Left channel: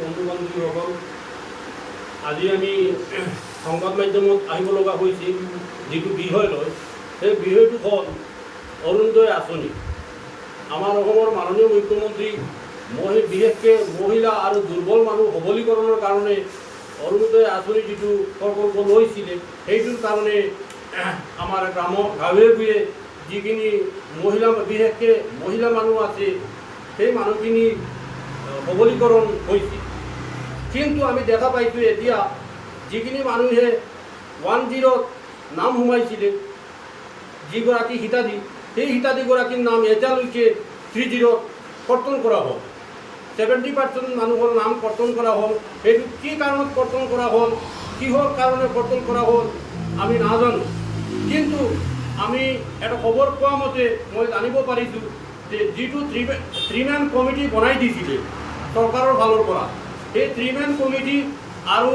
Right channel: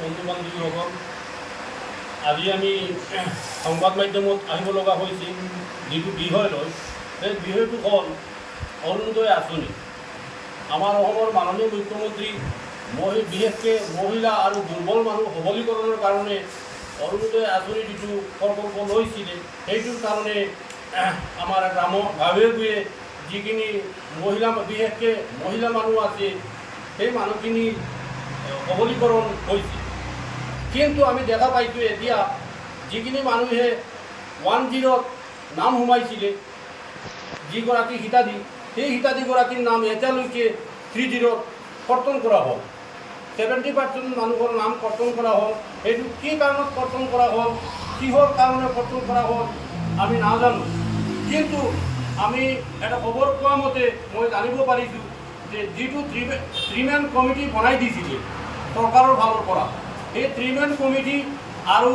বন্ধু বান্ধৱীসকল আজি আমি সংবাদ মাধ্যমত আহিব লগা হৈছে যিটো বিষয় লৈ সেই বিষয়টো হ'ল অৰুণোদয় আঁচনি। আমাৰ অসমৰ মাননীয় মুখ্যমন্ত্ৰী মহি, বিশেষকৈ মহিলা আৰু দুৰ্বল মানুহ সবলীকৰণৰ কাৰণে অৰুণোদয় আঁচনি যিটো প্ৰকল্প লৈছিলে, সেইটোৰ কাৰণে আমাৰ গ্ৰাম গাঁৱে ভূঞে যিখিনি মহিলা, বিশেষকৈ মহিলা মানুহ আছে, সেই মানুহখিনি সবলীকৰণ হৈছে কিন্তু আমি দেখা পাইছোঁ এতিয়া যিখিনি মানুহে ওৱান জিৰ'ত নাম সোমাইছিলে, যিগৰাকী হিতাধী, সেই হিতাধীগৰাকীৰ নাম এতিয়ালৈকে থ্ৰী জিৰ'ত কৰ্তন কৰা হ'ল। ছেভেণ্টি পাৰ্চেণ্ট মানুহৰ নাম কৰ্তন কৰা হ'ল। সেইটো কি কাৰণত কৰ্তন কৰা হ'ল, কিহৰ কাৰণে কৰ্তন কৰা হ'ল, আমি নাজানো। কিন্তু আমি এটা খবৰ পোৱা মতে মই জানিব পাৰিছোঁ যে যিটো থ্ৰী থ্ৰীমেন কমিটি বনাই দিছিলে চৰকাৰৰ ফালৰ পৰা সেই থ্ৰীমেন কমিটি আৰু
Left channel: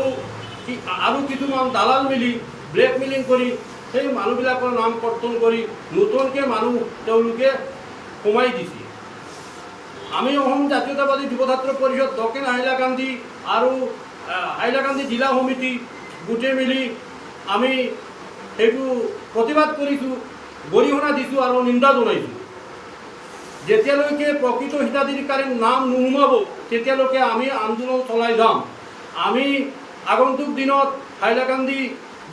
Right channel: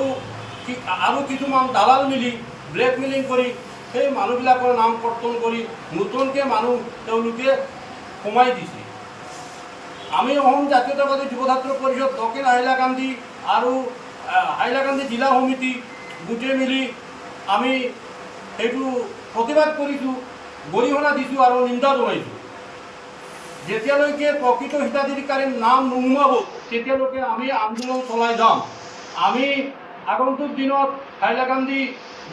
আৰু কিছুমান দালাল মিলি ব্লেকমেইলিং কৰি সেই মানুহবিলাকৰ নাম কৰ্তন কৰি নতুনকৈ মানুহ তেওঁলোকে সোমাই দিছে। আমি অসম জাতীয়তাবাদী যুৱ ছাত্ৰ পৰিষদ, দক্ষিণ হাইলাকান্দি আৰু হাইলাকান্দি জিলা সমিতি গোটেই মিলি আমি সেইটো প্ৰতিবাদ কৰিছোঁ, গৰিহণা দিছোঁ আৰু নিন্দা জনাইছোঁ। যেতিয়ালৈকে প্ৰকৃত হিতাধিকাৰীৰ নাম নোসোমাব, তেতিয়ালৈকে আমি আন্দোলন চলাই যাম। আমি আগন্তুক দিনত হাইলাকান্দি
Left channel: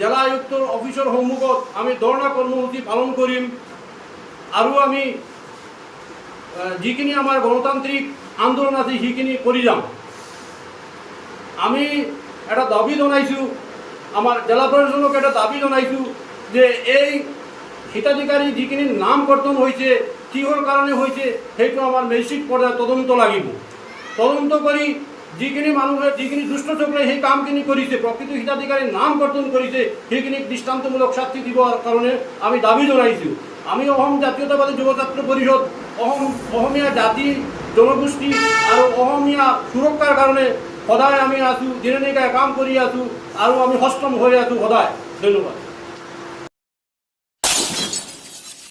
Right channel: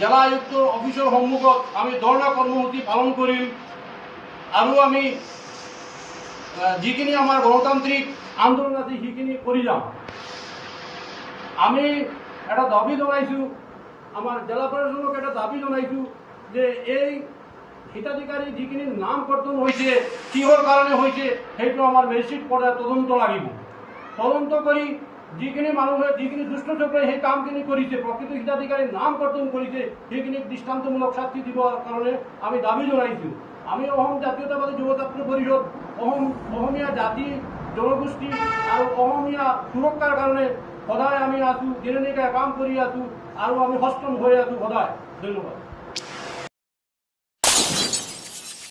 জিলা আয়ুক্তৰ অফিচৰ সন্মুখত আমি ধৰ্ণা কৰ্মসূচী পালন কৰিম আৰু আমি যিখিনি আমাৰ গণতান্ত্ৰিক আন্দোলন আছে সেইখিনি কৰি যাম। আমি এটা দাবি জনাইছোঁ, আমাৰ জেলা প্ৰশাসনক এটা দাবি জনাইছোঁ যে এই হিতাধিকাৰী যিখিনি নাম কৰ্তন হৈছে কিহৰ কাৰণে হৈছে সেইটো আমাৰ মেচিক পৰ্যায়ত তদন্ত লাগিব। তদন্ত কৰি যিখিনি মানুহে যিখিনি দুষ্ট চক্ৰই সেই কামখিনি কৰিছে প্ৰকৃত হিতাধিকাৰীৰ নাম কৰ্তন কৰিছে সেইখিনিক দৃষ্টান্তমূলক শাস্তি দিবৰ কাৰণে আমি দাবি জনাইছোঁ। আমি অসম জাতীয়তাবাদী যুৱ ছাত্ৰ পৰিষদ অসম অসমীয়া জাতি জনগোষ্ঠী আৰু অসমীয়া সুৰক্ষাৰ কাৰণে সদায় আমি আছোঁ, দিনে নিশাই কাম কৰি আছোঁ, আৰু আমি সষ্টম হৈ আছোঁ সদায়। ধন্যবাদ।